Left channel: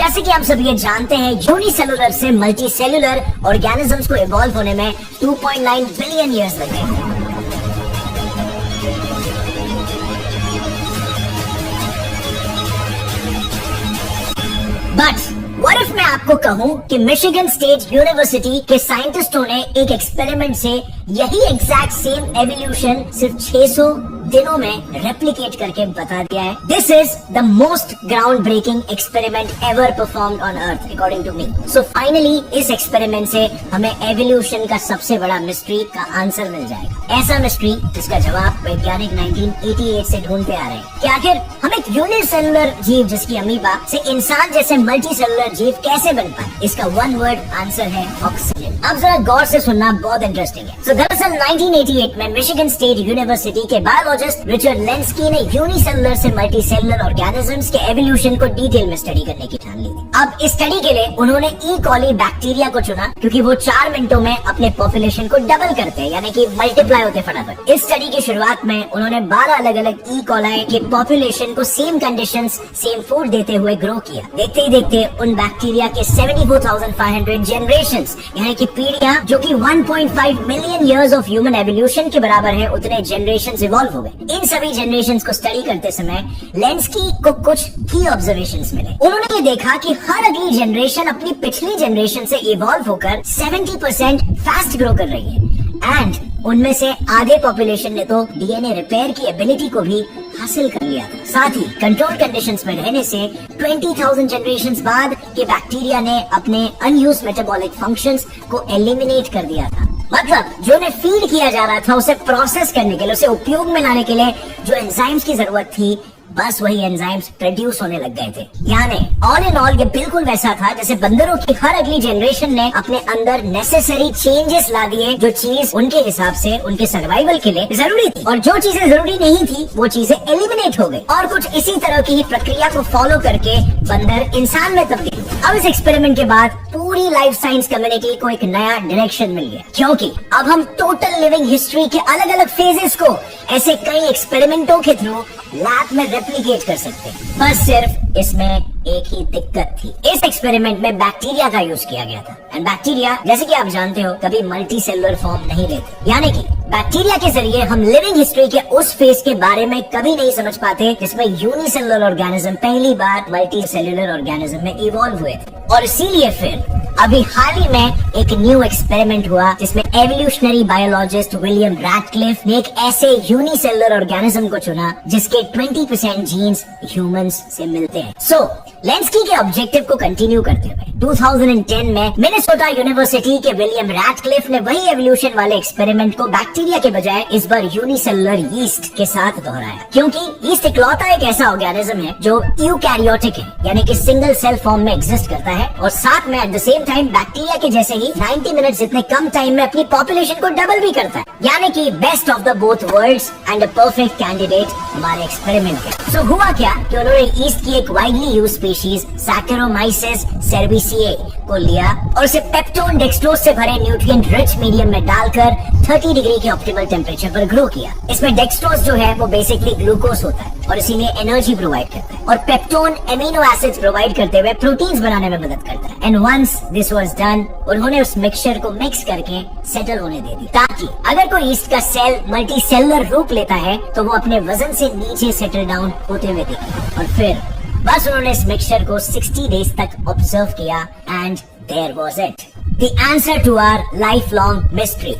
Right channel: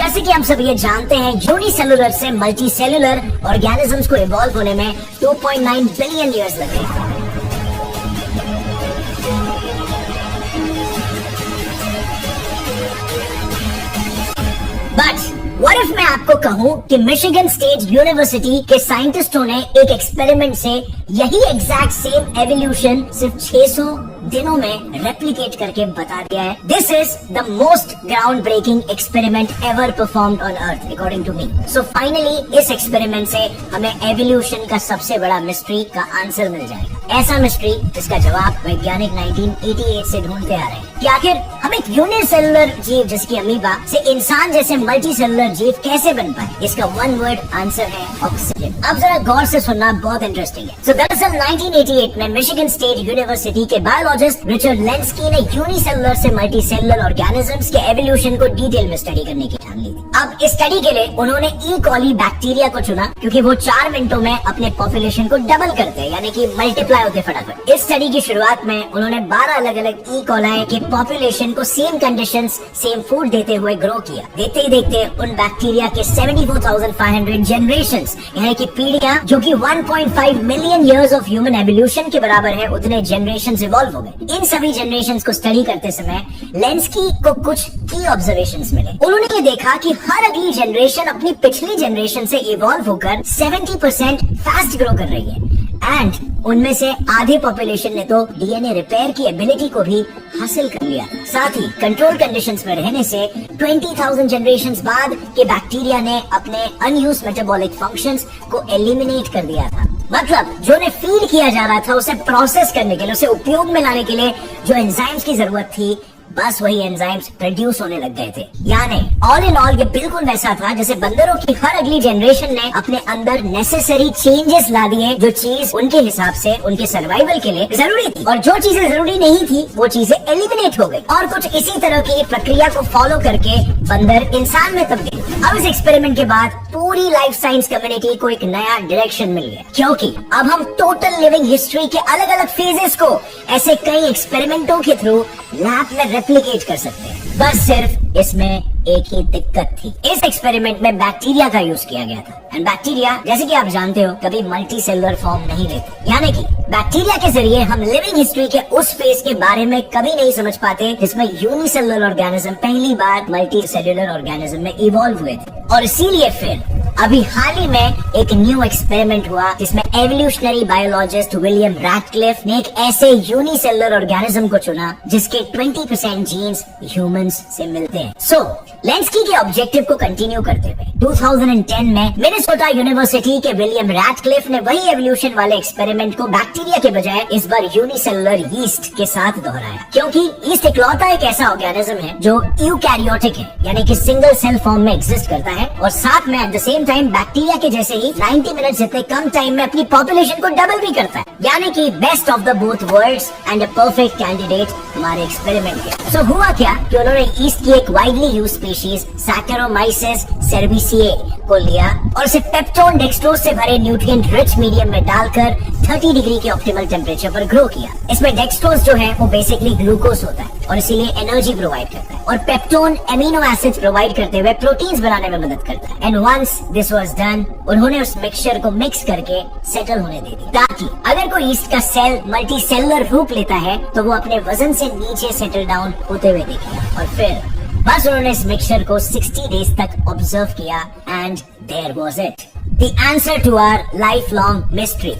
जैसे कि हम सब ये जानते हैं, यूनिसेलुलर से मल्टी सेलुलर ऑर्गेनिजम्स को इवॉल्व होने में 2.9 बिलियन ईयर्स लगे। बट व्हाट इफ मैं आपको कहूं कि मिशिगन स्टेट यूनिवर्सिटी के साइंटिस्टों ने एक एक्सपेरिमेंट से यही एग्जैक्ट सेम एवोल्यूशन सिर्फ 600 दिनों में रेप्लिकेट करके बता दिया है। This is the most ground breaking experiment ever performed on earth according to me. So finally इस एक्सपेरिमेंट से हमें एवोल्यूशन का सबसे बड़ा मिस्ट्री का आंसर मिल जाएगा। ऐसा मिस्ट्री जिसका जवाब वैज्ञानिक 1988 से ढूंढते आ रहे हैं कि आखिर हम एक यूनिसेलुलर जीव जिसकी अमीबा से इंसान जैसे मल्टी सेलुलर जीव कैसे बन पाए। इसका वन वर्ड आंसर है ऑक्सीजन। अब जरा गौर से सुनना, बहुत इंटरेस्टिंग है। सो दरअसल 1988 में मिशिगन स्टेट यूनिवर्सिटी के बायोलॉजिस्ट रिचर्ड लेंस्की ने यूनिसेलुलर से मल्टी सेलुलर ऑर्गेनिजम्स के एवोल्यूशन को डिटेल में स्टडी करने की ठान ली थी। अब इस स्टडी के लिए उन्होंने ई कॉली बैक्टीरिया को चुना क्योंकि वो 4 मिनटों में अपने पॉपुलेशन को डबल करते हैं, यानी कि मल्टीप्लाई होते फटाफट। इस स्टडी की शुरुआत में उन्होंने 12 अलग अलग ई कॉलाई के पॉपुलेशन को सेम कंडीशंस, सेम फूड देते हुए ग्रो किया। देखते ही देखते उन बैक्टीरिया के 74,500 जनरेशंस, यानी कि पीढ़ियां, जो कि 1.5 million years of human evolution के बराबर है, उतने जनरेशंस इवॉल्व हो गए। इन सभी जनरेशंस को स्टडी करते समय लेंस्की को कुछ की ऑब्जर्वेशंस मिले। उन्होंने ये देखा कि हर अगली जनरेशन अपनी पिछली जनरेशन से इवॉल्व होकर 70% फास्ट ग्रो कर रही है एंड उनमें से आधे पॉपुलेशन ने तो डीएनए रिपेयर की एबिलिटी को भी हासिल कर लिया। साथ ही कंट्रोल कंडीशंस में रहने से 20,000 जनरेशंस बाद के बैक्टीरिया ने अपने अनयूज्ड मेटाबॉलिक फंक्शंस को एलिमिनेट कर दिया था। मतलब जो ने फीड किया जा रहा था, उसे प्रोसेस करने के लिए, उसे उपयोग में लाने के लिए जो एंजाइम्स की जरूरत थी, बस वही एंजाइम्स प्रोड्यूस होने लग गए थे। यानी ऑल इन ऑल ये बिल्कुल वैसा था जैसे बंदरों की हर अगली जनरेशन ने अपने अंदर नेसेसरी चेंजेस ला दिए, जो चीज उनके हिसाब से उनके सर्वाइवल के लिए जरूरी थी, और जो चीजें जरूरी नहीं थी वो चीजें एलिमिनेट हो गई। और कुछ इसी तरह की प्रक्रिया को फॉलो करके बंदर इंसान में तब्दील। अब इस एक्सपेरिमेंट के बाद पूरी लाइफ साइंस कम्युनिटी को एक नया डायरेक्शन मिल गया, क्योंकि अब हम टोटल लिविंग हिस्ट्री के अलग अलग फेजेस को ऐसे कई एक्सपेरिमेंटों के थ्रू लैब में रेप्लिकेट कर सकते हैं। बस सिर्फ इसमें एक ही दिक्कत थी, इस एक्सपेरिमेंट में बैक्टीरिया का यूज किया गया था। एंड बैक्टीरिया, जैसे कि आप जानते हो, कभी मल्टी सेलुलर फॉर्म नहीं लेते। यानी कि बैक्टीरिया के जरिए हम लिविंग हिस्ट्री के उस फेज के बारे में कभी नहीं समझ पाते जिसमें यूनिसेलुलर ऑर्गेनिज्म पहली बार मल्टी सेलुलर ऑर्गेनिज्म में इवॉल्व हुए थे। और इसीलिए फिर अभी हाल ही में एक न्यू एक्सपेरिमेंट हुआ जिसमें एवोल्यूशनरी बायोलॉजिस्ट विलियम रैटक्लिफ ने एक ऐसे यूनिसेलुलर ऑर्गेनिज्म को चुना जिसके 20% जीन्स ह्यूमंस से मिलते हैं। सो लेंस्की के ऑब्जेक्टिव को कंटिन्यू करते हुए 2010 में मिनेसोटा यूनिवर्सिटी के विलियम रैटक्लिफ ने वही एवोल्यूशन वाले एक्सपेरिमेंट को बैक्टीरिया के बजाय इस बार यूनिसेलुलर यीस्ट के साथ दोहराया, क्योंकि यीस्ट इकलौता एक ऐसा ऑर्गेनिज्म है जो यूकैरियोटिक है, यानी कि सिंगल सेल फॉर्म में एग्जिस्ट करता है, और साथ में at the same time bacteria के जैसे ही 90 मिनट जितने कम टाइम में अपनी पॉपुलेशन को डबल भी करता है। यानी कि best of the both worlds and a perfect candidate हमारे एक्सपेरिमेंट के। सो हुआ क्या कि उन्होंने ईस्ट की एक वाइडली यूज्ड स्पीशीज सैकरोमाइसिस सेर्विसिए को लिया और उसे पेप्टोन डेक्सट्रोज से भरे न्यूट्रिएंट रिच मीडियम में डालकर 30 डिग्री के ऑप्टिमल टेम्परेचर पर ग्रो किया। इसमें डेक्सट्रोज जो है वो बेसिकली ग्लूकोज होता है और इसीलिए एनर्जी प्रोवाइड करता है, और पेप्टोन एमिनो एसिड्स प्रोवाइड करते हुए प्रोटीन्स बनाने में मदद करता है। And once this was done, उन्होंने उस मिक्सचर को मिक्स करके सेटल होने दे दी, ताकि अगर कोई ईस्ट का सेल मल्टी सेलुलर रूप लेता है तो वो अपने वजन से नीचे सेटल डाउन होते हुए दिखे। और फिर बस उन्होंने इस मिक्सचर को 60 डेज तक ऑब्जर्व किया and there was it, the answer to our life long mystery.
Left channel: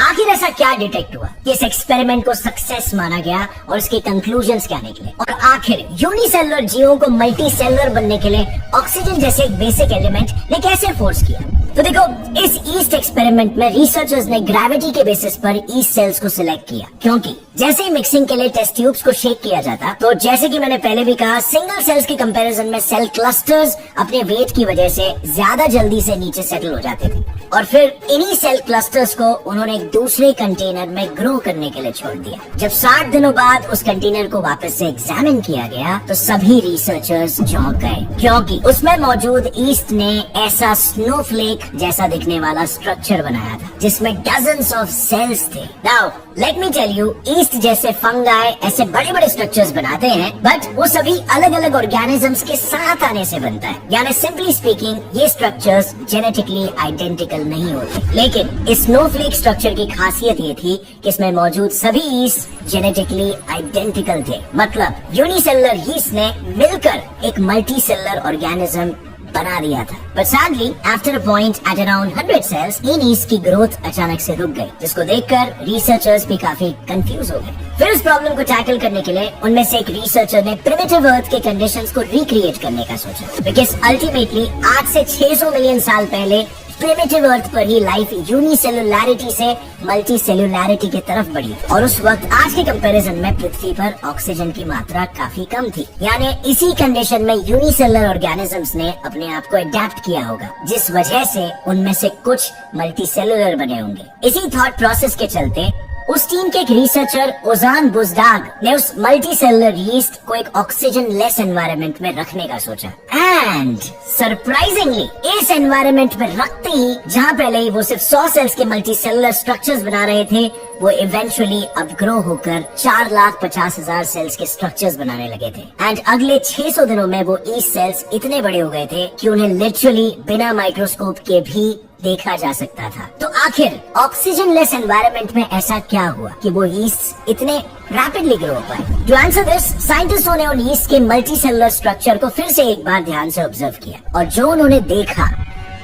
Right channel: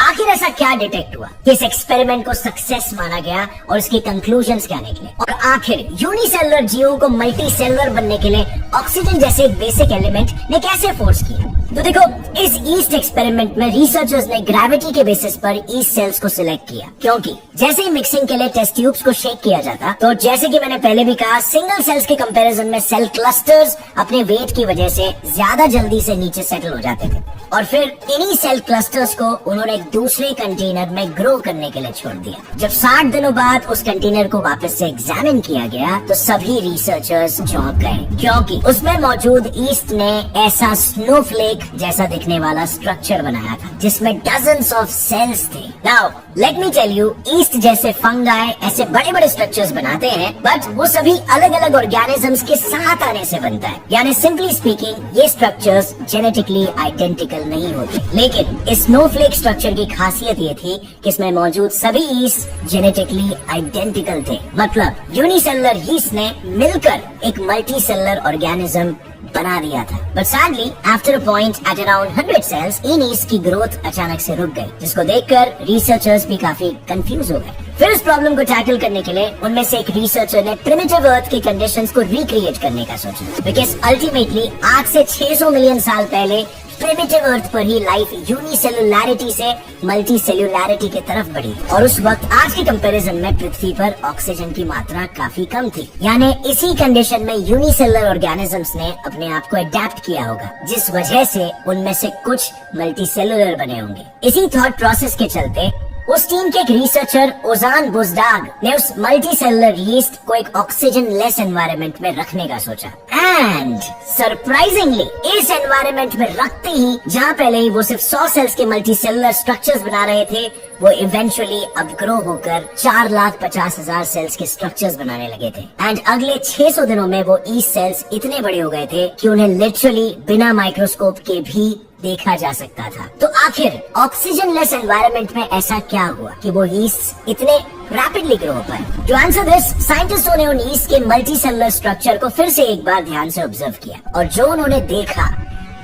आखिर ऐसा क्या डिटेक्ट हुआ कि इस एक्सपेरिमेंट को सक्सेस माना गया और इसके कंक्लूजन्स क्या निकले, और आखिर यूनिसेलुलर जीवों को मल्टी सेलुलर बनने के लिए ऑक्सीजन जैसे एक बेसिक एलिमेंट ने कैसे फोर्स किया। तो देखो, इस ईस्ट एक्सपेरिमेंट में रिसर्चर्स ने ग्रेविटी के बेसिस पर ईस्ट सेल्स को सिलेक्ट किया, क्योंकि जैसे ही मिक्सिंग के लिए टेस्ट ट्यूब्स को शेक किया जाता, तो जैसे कि मैंने पहले भी कहा, सिंगल सेल्स के कंपैरिजन में सेल क्लस्टर्स अपने वेट की वजह से ज्यादा जल्दी से नीचे सेटल हो जाते थे, और फिर इन्हीं सेल क्लस्टर्स को उन्होंने एक दूसरे कंटेनर में ग्रो करने के लिए छोड़ दिया। जब 60 दिनों बाद उस कंटेनर को वापस से एग्जामिन किया गया तो सभी रिसर्चर्स चौंक गए, क्योंकि उसमें मौजूद ईस्ट ने ऐसा स्नोफ्लेक जैसा दिखने वाला स्ट्रक्चर बनाया था जिसमें डजन्स ऑफ सेल्स थे। Now let me tell you, yeast जैसे फंगाई ऐसे बड़े बड़े स्ट्रक्चर्स बनाते हैं, बट वो सभी अलग अलग ऑर्गेनिजम्स के साथ आने से बनता है। यानी सिंपली स्पीकिंग ये स्ट्रक्चर्स जेनेटिकली आइडेंटिकल नहीं होते। लेकिन इस स्नोफ्लेक स्ट्रक्चर की खासियत ये थी कि इसमें मौजूद सभी ईस्ट जेनेटिकली आइडेंटिकल थे। मतलब यूनिसेलुलर ईस्ट ने मिलकर एक मल्टी सेलुलर ऑर्गेनिज्म बना दिया था। But sadly after a point at around 100 cells in yeast की ग्रोथ अचानक से रुक गई, जिसको देखकर रिसर्चर्स भी काफी कंफ्यूज हो गए। फिर इस प्रॉब्लम को टैकल करने के लिए उनमें से एक रिसर्चर ने प्रिमिटिव अर्थ के कंडीशंस को रिक्रिएट करने का सोचा, बिकॉज अल्टीमेटली आज से 600 मिलियन साल पहले प्रिमिटिव अर्थ पर ही लाइफ यूनिसेलुलैरिटी से मल्टी सेलुलैरिटी की तरफ बढ़ी, और उस वक्त आज के कंपैरिजन में पृथ्वी पर ऑक्सीजन की मात्रा काफी कम थी। यानी इसी कंडीशन में यूनिसेलुलर ऑर्गेनिजम्स ने अपने आप को अडेप्ट किया होगा, जिस वजह से उनमें से कुछ मल्टी सेलुलर बने होंगे। इसी थॉट प्रोसेस के चलते उस टीम के एक रिसर्चर ओजान बुजदाग ने उस मल्टी सेलुलर यीस्ट को एक ऑक्सीजन लेस एनवायरनमेंट में रखने का सोचा, एंड सरप्राइजिंगली इस एनवायरनमेंट में रखते ही जहाँ पहले ही वो सिर्फ 100 सेल्स के मल्टी सेलुलर स्ट्रक्चर्स बना रहे थे, वो इवेंचुअली अपग्रो होकर 4,50,000 सेल्स के स्ट्रक्चर्स बनाने लगे थे। एंड अगले 600 दिनों में वो ईस्ट सेल्स इतने बड़े हो गए थे कि उन्हें लिटरली बिना माइक्रोस्कोप के भी देखा जा सकता था। तो आखिर ऑक्सीजन लेस एनवायरनमेंट में ऐसा क्या हुआ कि वो ईस्ट इतने रैपिडली ग्रो हो पाए? टू आंसर दिस, साइंटिस्टों ने उन ईस्ट के मल्टी सेलुलर स्ट्रक्चर को फिर से एक बार ध्यान से ऑब्जर्व किया, और जो उन्होंने देखा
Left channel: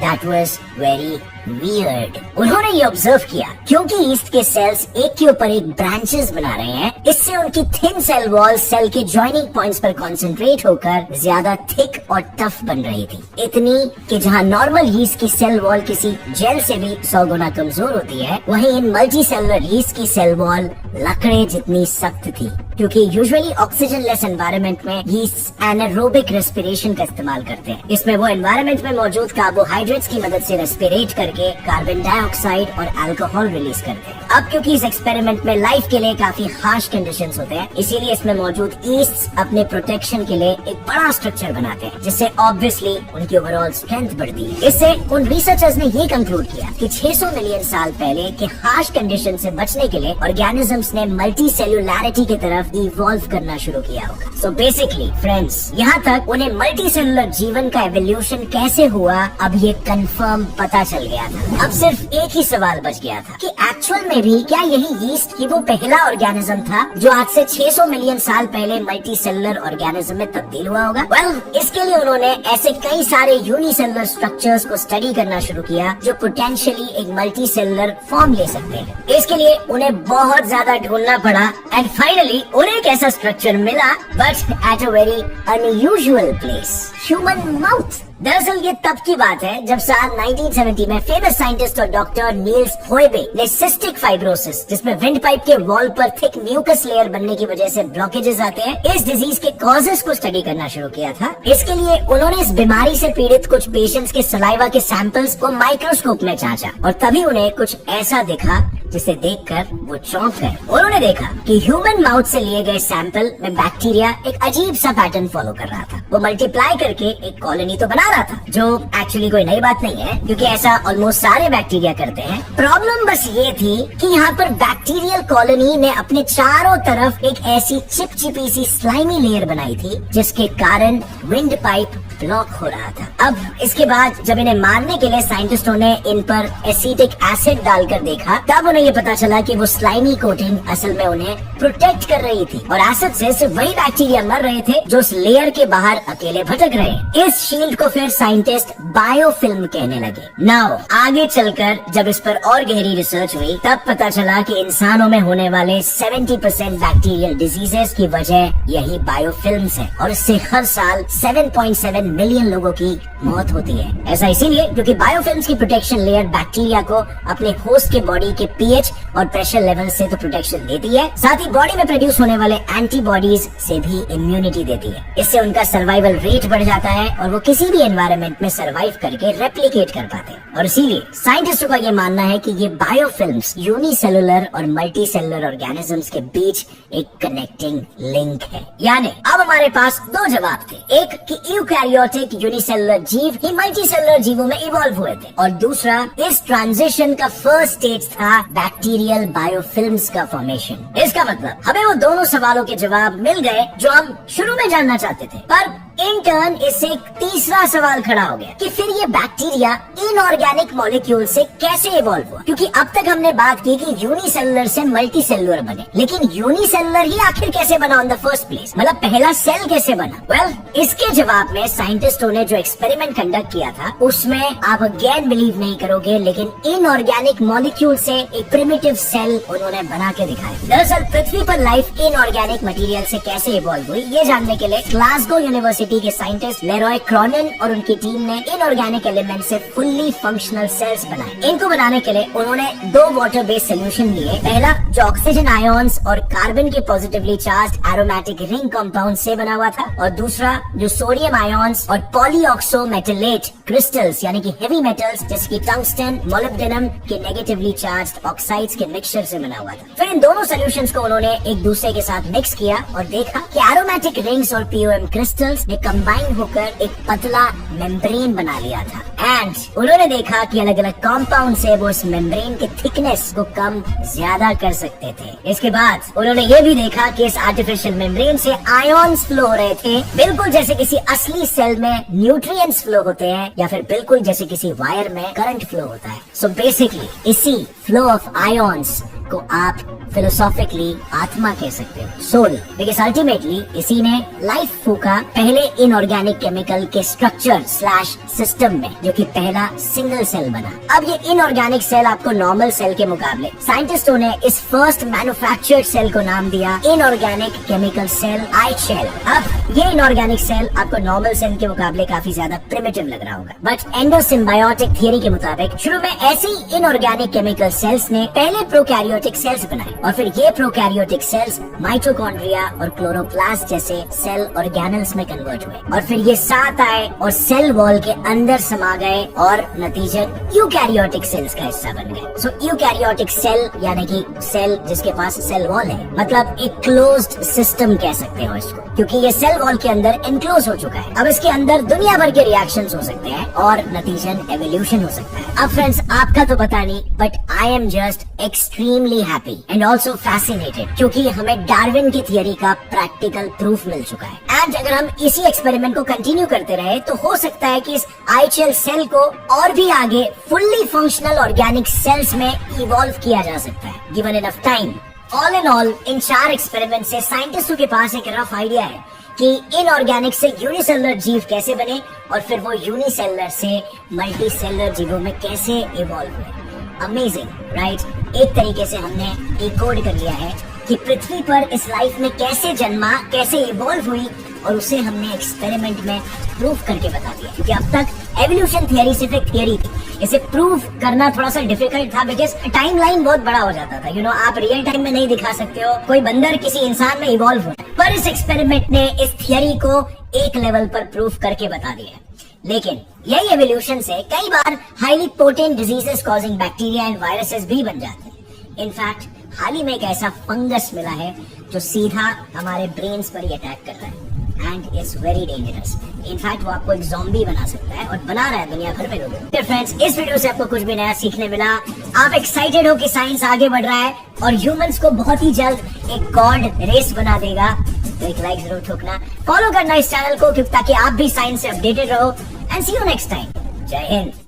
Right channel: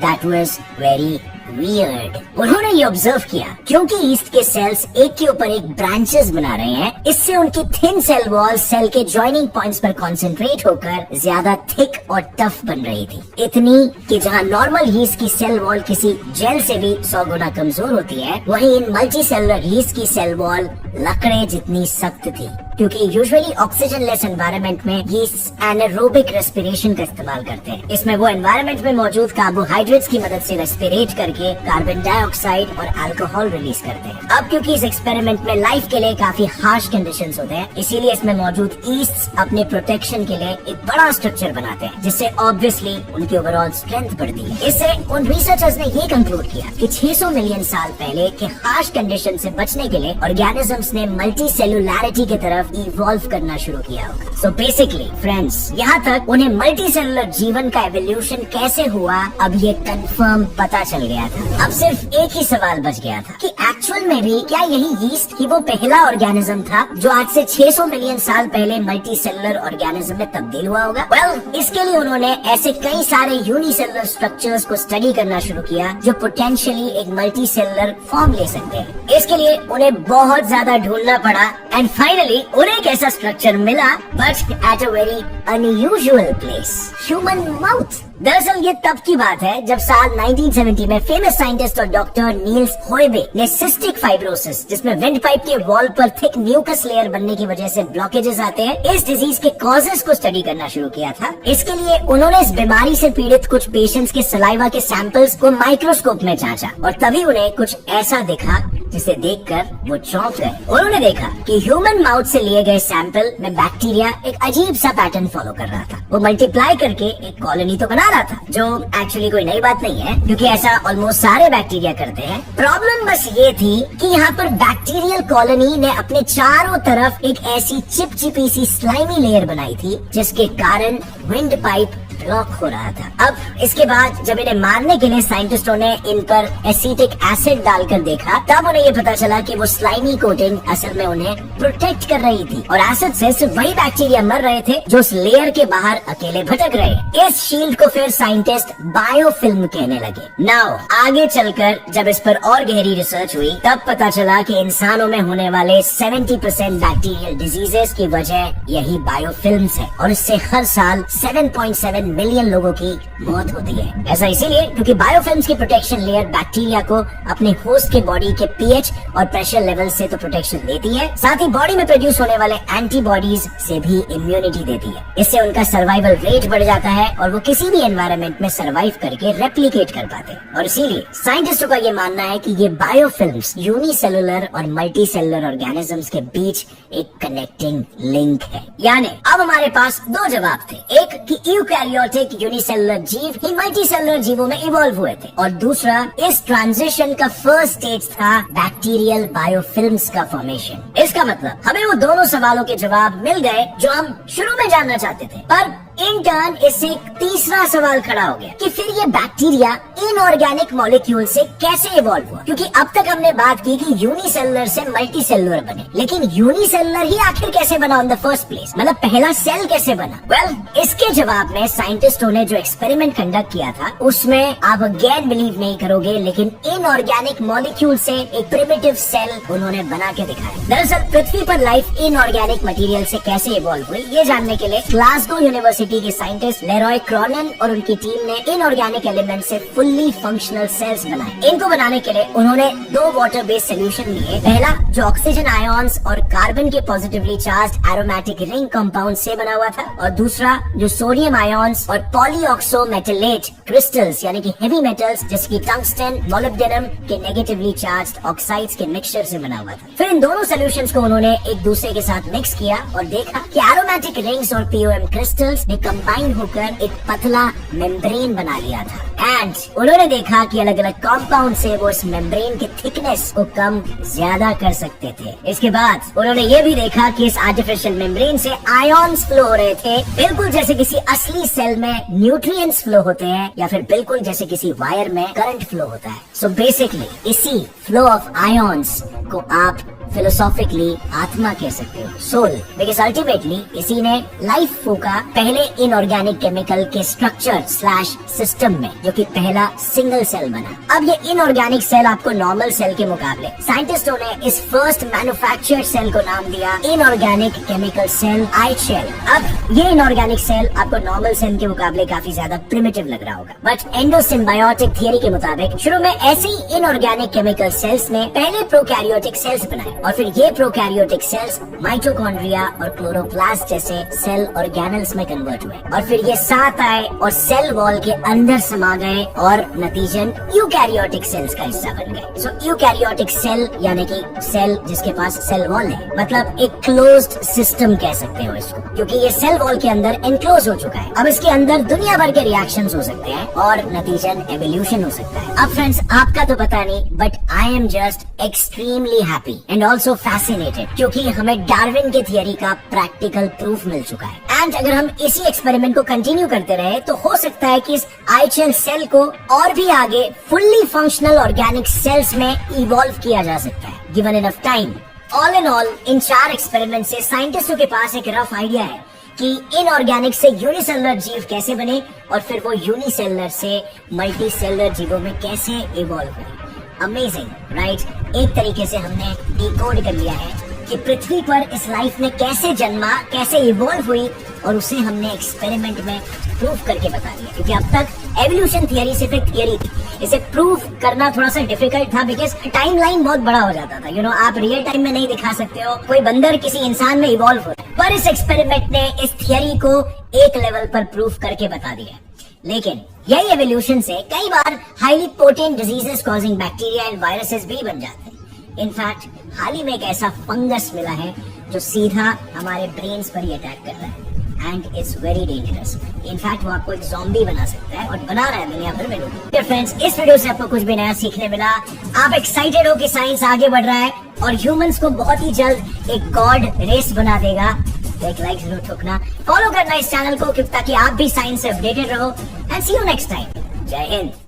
दैट वाज वेरी वियर्ड। उन्होंने ये ऑब्जर्व किया क्योंकि ईस्ट के सेल्स एक के ऊपर एक ब्रांचेस बना रहे हैं, इससे उनकी थिन सेल वॉल सेल के ज्वाइनिंग पॉइंट्स पर कंसंट्रेट होकर ज्यादा थिक और टफ बन रही थी। इतनी कि जहां नॉर्मल ईस्ट की सेल वॉल किसी जेल से भी 100 गुना कमजोर होती है, वहीं इन मल्टी सेलुलर ईस्ट की सेल वॉल लकड़े जितनी सख्त थी। क्योंकि यूजुअली ऑक्सीजन लेस एनवायरनमेंट में यीस्ट एनारोबिक रेस्पिरेशन का इस्तेमाल करते हैं। इसमें वो एनवायरनमेंट में मौजूद कार्बोहाइड्रेट्स की मदद से रेस्पिरेट करके कार्बन डाइऑक्साइड और अल्कोहल रिलीज करते हैं। अब क्योंकि इस एक्सपेरिमेंट में लाइफ के लिए काफी हार्श कंडीशंस होते हैं, इसीलिए इसमें मौजूद ईस्ट अपने प्रोटेक्शन के लिए एक बड़ा स्ट्रक्चर बनाते हैं, जिससे ऑब्वियसली उनकी ओवरऑल स्ट्रेंथ बढ़ती है। इससे उन रिसर्चर्स ने ये कंक्लूड किया कि 600 मिलियन साल पहले के हार्श कंडीशन से बचने के लिए ऑर्गेनिजम्स ने मल्टी सेलुलैरिटी की तरफ इवॉल्व करना शुरू किया होगा। सो बेसिकली फ्रेंड्स, यहाँ तक उन्हें मल्टी सेलुलर जीवन का एवोल्यूशन कैसे हुआ अब ये कंफर्म पता चल गया था। अब सिर्फ एक ही सवाल बच गया था कि एक्चुअल में भी क्या यही ईस्ट ही वो पहला ऑर्गेनिज्म था जो आज से 600 मिलियन साल पहले मल्टी सेलुलर ऑर्गेनिज्म में तब्दील हुआ होगा? वेल, इसके लिए उन्होंने ऐसे कई सारे यूनिसेलुलर स्ट्रक्चर्स को स्टडी करना शुरू किया जो पोटेंशियली एक मल्टी सेलुलर फॉर्म ले सकते हैं। इसके लिए उन्हें बहुत ज्यादा ढूंढना पड़ा, एंड फाइनली उन्हें एक ऐसा स्ट्रक्चर मिला, but at a very unusual place, human mouth. दरअसल ये तब की बात है जब साल 1970 में फेमस साइंटिस्ट और डॉक्टर नील्स होयबे ने सिस्टिक फाइब्रोसिस, जिसमें विंड पाइप के वॉल पर थिक म्यूकस लेयर बनने की वजह से ब्लॉकेजेस आते हैं, इस डिजीज के कॉजेस को स्टडी करना शुरू किया था। इसके लिए उन्होंने इस बीमारी से पीड़ित कुछ पेशेंट्स के सलाइवा के सैंपल्स को माइक्रोस्कोप में जांचा, और तभी उन्हें कुछ ऐसा दिखा जिसे देखकर वो चौंक गए। उन्होंने देखा कि ह्यूमन माउथ से लिए गए सैंपल में बैक्टीरिया एक अजीब सा पैटर्न फॉलो कर रहा था। वो मल्टीप्लाई करके एक कॉलोनी तो बना रहा था, जो एक्चुअली कोई नई बात नहीं है क्योंकि ऐसा ऑलमोस्ट सारे बैक्टीरिया करते हैं। प्रॉब्लम बस ये थी कि यहाँ पर बैक्टीरियल कॉलोनी ने अपने चारों तरफ एक ऐसी चिपचिपी सी स्लाइमी लेयर बनाई थी जिसके कारण विंड पाइप ब्लॉक हो रहा था। अब इसके बाद जब इन्हें मारने के लिए साइंटिस्टों ने इन पर एसिटिक एसिड डालकर देखा, तब उन्हें ये पता चला कि वो स्लाइमी कोटिंग असल में उन्हें प्रोटेक्ट कर रही थी, और एसिड से सिर्फ वही बैक्टीरिया मर रहे थे जो उस लेयर के बाहर अकेले भटक रहे। इस शील्ड को फिर साइंटिस्ट बायोफिल्म कहने लगे। नाउ आगे चलकर जब इस पर और गहरी रिसर्च हुई, तब पता चला कि इंसानों में होने वाले 70% बैक्टीरियल डिजीजेस की वजह यही बायोफिल्म्स है, और इससे हर साल 7.7 मिलियन लोगों की मौत होती है। ऐसा इसीलिए क्योंकि बायोफिल्म्स की प्रोटेक्शन लेयर बैक्टीरिया को अपने होस्ट के बॉडी के पीएच और प्रेशर लेवल से तो प्रोटेक्शन देती है, साथ ही बॉडी में प्रोड्यूस होने वाले एंटीबॉडीज से भी इम्यूनिटी देती है। इससे उनका सर्वाइवल रेट बढ़ जाता है और वो किसी भी एनवायरनमेंट में सर्वाइव करके रेप्लिकेट कर पाते हैं। और इसीलिए साइंटिस्टों का ये मानना है कि ये बायोफिल्म्स यूनिसेलुलर और मल्टी सेलुलर ऑर्गेनिजम्स के बीच एक कनेक्टिंग लिंक है। यानी अब हमारे पास दो जवाब थे, एक कि यूकैरियोट्स यूकैरियोटिक यूनिसेलुलर जीव ही मल्टीसेलुलर जीवों में इवॉल्व हुए थे। और दूसरा, इस ट्रांजिशन का फर्स्ट स्टेज था बैक्टीरियल बायोफिल्म्स का फॉर्मेशन। इसका मतलब हमें वो दोनों सवालों के जवाब मिल गए जो हम शुरू में जानना चाहते थे, पर इन टर्न इससे एक तीसरा सवाल खड़ा हो गया कि फिर ये बैक्टीरिया इनऑर्गेनिक मॉलिक्यूल से कैसे इवॉल्व हुआ, क्योंकि अब तक हमने बात की कि यूनिसेलुलर से मल्टीसेलुलर बने, लेकिन यूनिसेलुलर ही आखिर कैसे बना इन द फर्स्ट प्लेस, मतलब पहला सेल कैसे बना। वेल, इसके जवाब में साइंटिस्टों ने जो एक्सपेरिमेंट कंडक्ट किया था उसमें आप अगेन बिलीव नहीं करोगे, लेकिन इनऑर्गेनिक मॉलिक्यूल से एक प्रिमिटिव सेल उन्होंने बना के दिखाया। दरअसल पृथ्वी पर लाइफ इनऑर्गेनिक मटेरियल से कैसे इवॉल्व हुई, ये जानने के लिए ग्लासगो यूनिवर्सिटी के साइंटिस्ट लेरॉय क्रॉनिन और उनकी टीम ने इनऑर्गेनिक एलिमेंट से फुल्ली फंक्शनल सेल्स बनाए। इनको बनाने के लिए उन्होंने दो वाटर बेस्ड सोल्यूशन लिए। पहला जो ऑक्सीजन आयोन्स और कार्बन के positively charged aromatic ring compound से बना हुआ था, और दूसरा जो सोडियम आयोन्स और पॉलीऑक्सो मेटलेट क्रिस्टल्स यानी कि हेवी मेटल्स जैसे कि टंगस्टन, मोलिब्डेनम के नेगेटिवली चार्ज्ड ऑक्साइड्स के मिक्सचर से बना हुआ था। फिर इन दोनों सोल्यूशंस को उन्होंने एक दूसरे के साथ मिक्स किया और देखा कि एरोमेटिक रिंग्स और पीओएम क्रिस्टल्स ने कंबाइन होकर एक पतला मेम्ब्रेन बना लिया था। एंड उन्होंने देखा कि अलग अलग कंपाउंड से वो इस मेम्ब्रेन की थिकनेस को कम ज्यादा कर सकते थे। इसके बाद उन्होंने ये भी देखा कि इस आर्टिफिशियल मेम्ब्रेन से आयॉन्स फ्लो हो रहे थे, बिल्कुल जैसे किसी असली सेल में न्यूट्रिएंट्स फ्लो होते हैं या फिर बिल्कुल जैसे किसी वायर में करंट फ्लो होता है। सो बेसिकली इसी फ्लो ऑफ आयॉन्स को आप फिलोसॉफिकली आत्मा कह सकते हो, सोल, बिकॉज अल्टीमेटली इसी ने लाइफ फूका पहले इनऑर्गेनिक केमिकल के स्ट्रक्चर स्लैश सिस्टम में, जो कि पहला सिंगल सेल बना। अब ये इनऑर्गेनिक सेल आपको नॉर्मल सेल के मुकाबले साइंटिस्टों ने इस फर्स्ट मैन्युफैक्चर्ड सेल को नाम दिया इनऑर्गेनिक केमिकल सेल आईशेल। अब ये इनऑर्गेनिक सेल आपको नॉर्मल सेल के मुकाबले काफी ज्यादा प्रिमिटिव लग रहा होगा, बट एंडोसिम्बायोटिक थियरी के मुताबिक शुरू में ऐसी इनऑर्गेनिक केमिकल सेल्स ने पहले प्रोकैरियोटिक सेल्स बनाए, और फिर ये प्रोकैरियोटिक सेल्स माइटोकॉन्ड्रिया और क्लोरोप्लास्ट जैसे सेल ऑर्गेनल्स में कन्वर्ट हुए, और फिर ये साथ आए और सेल वॉल के अंदर समा गए और नतीजन यूकैरियोटिक सेल्स का हिस्सा बन गए। सो यूकैरियोटिक सेल यानी कि सेल जिसके पास सेल वॉल है, मतलब एक क्लोज्ड सिस्टम कह सकते हो इसको, क्योंकि ये सेल वॉल के अंदर एनक्लोज हो चुका है। अब इसके अंदर दुनिया भर के रिएक्शंस हो सकते हैं और नतीजन एवोल्यूशन हो सकता है। अब फ्रेंड्स, आपका तो पता नहीं, but I am just extremely happy and also fascinated, क्योंकि हमें डार्विन की थियरी का प्रैक्टिकल प्रूफ मिल चुका है। एंड अगर हम इसी एक्सपेरिमेंट को कंटिन्यू करते रहे तो हो सकता है कि इस आईशेल सेल को और भी आगे फुल्ली फंक्शनल ऑर्गेनिक सेल्स में इवॉल्व किया जा सकता है, given enough time. All in all, in 4 experiment से साइंटिस्टों के पास एक रफ आइडिया है कि इनऑर्गेनिक से यूनिसेलुलर जीव कैसे बने और फिर वो यूनिसेलुलर से मल्टीसेलुलर जीवों में कैसे इवॉल्व हुए। Amazing, right? एक तरीके से हमने डिकोड कर लिया है कि पृथ्वी पर इस लाइफ में कैसे जन्मा, कैसे इवॉल्व हुई, और उसे हमने एक्सपेरिमेंट में प्रूव करके बता दिया। क्योंकि अब तक एवोल्यूशन थियरी सिर्फ एक थियरी थी, इसे प्रूव करना थोड़ा सा डिफिकल्ट था बिकॉज टाइमलाइन बहुत बड़ा हो जाता था। आप रियल टाइम में नहीं दिखा सकते हो कोई बंदर किसी इंसान में इवॉल्व हो, पर इस एक्सपेरिमेंट ने इस थियरी को एक लेवल पर प्रूव करके बता दिया। लेकिन यही एवोल्यूशन से कई बार highly potent diseases causing bacteria and viruses भी बन जाते हैं। इनफैक्ट हाल ही में एक ऐसा फंगस मिला है जो सीधा हमारे ब्रेन्स पर ही अटैक करता है and it's very dangerous. In fact वो आपको एक ज़ॉम्बी बना सकता है और बना रहा है दुनिया भर में लोगों। फ्रेंड्स, इस वीडियो से आपको कुछ भी नया सीखने मिला, आप एक्साइटेड हो कि साइंस आगे बढ़ रहा है और ह्यूमंस को बहुत ही जल्द एक गॉड रेस बना देगा, तो एक लाइक जरूर ठोकना, फॉलो करना इस चैनल को ताकि आप भी साइंस से अपडेटेड रहो। And see you next time. जय हिंद।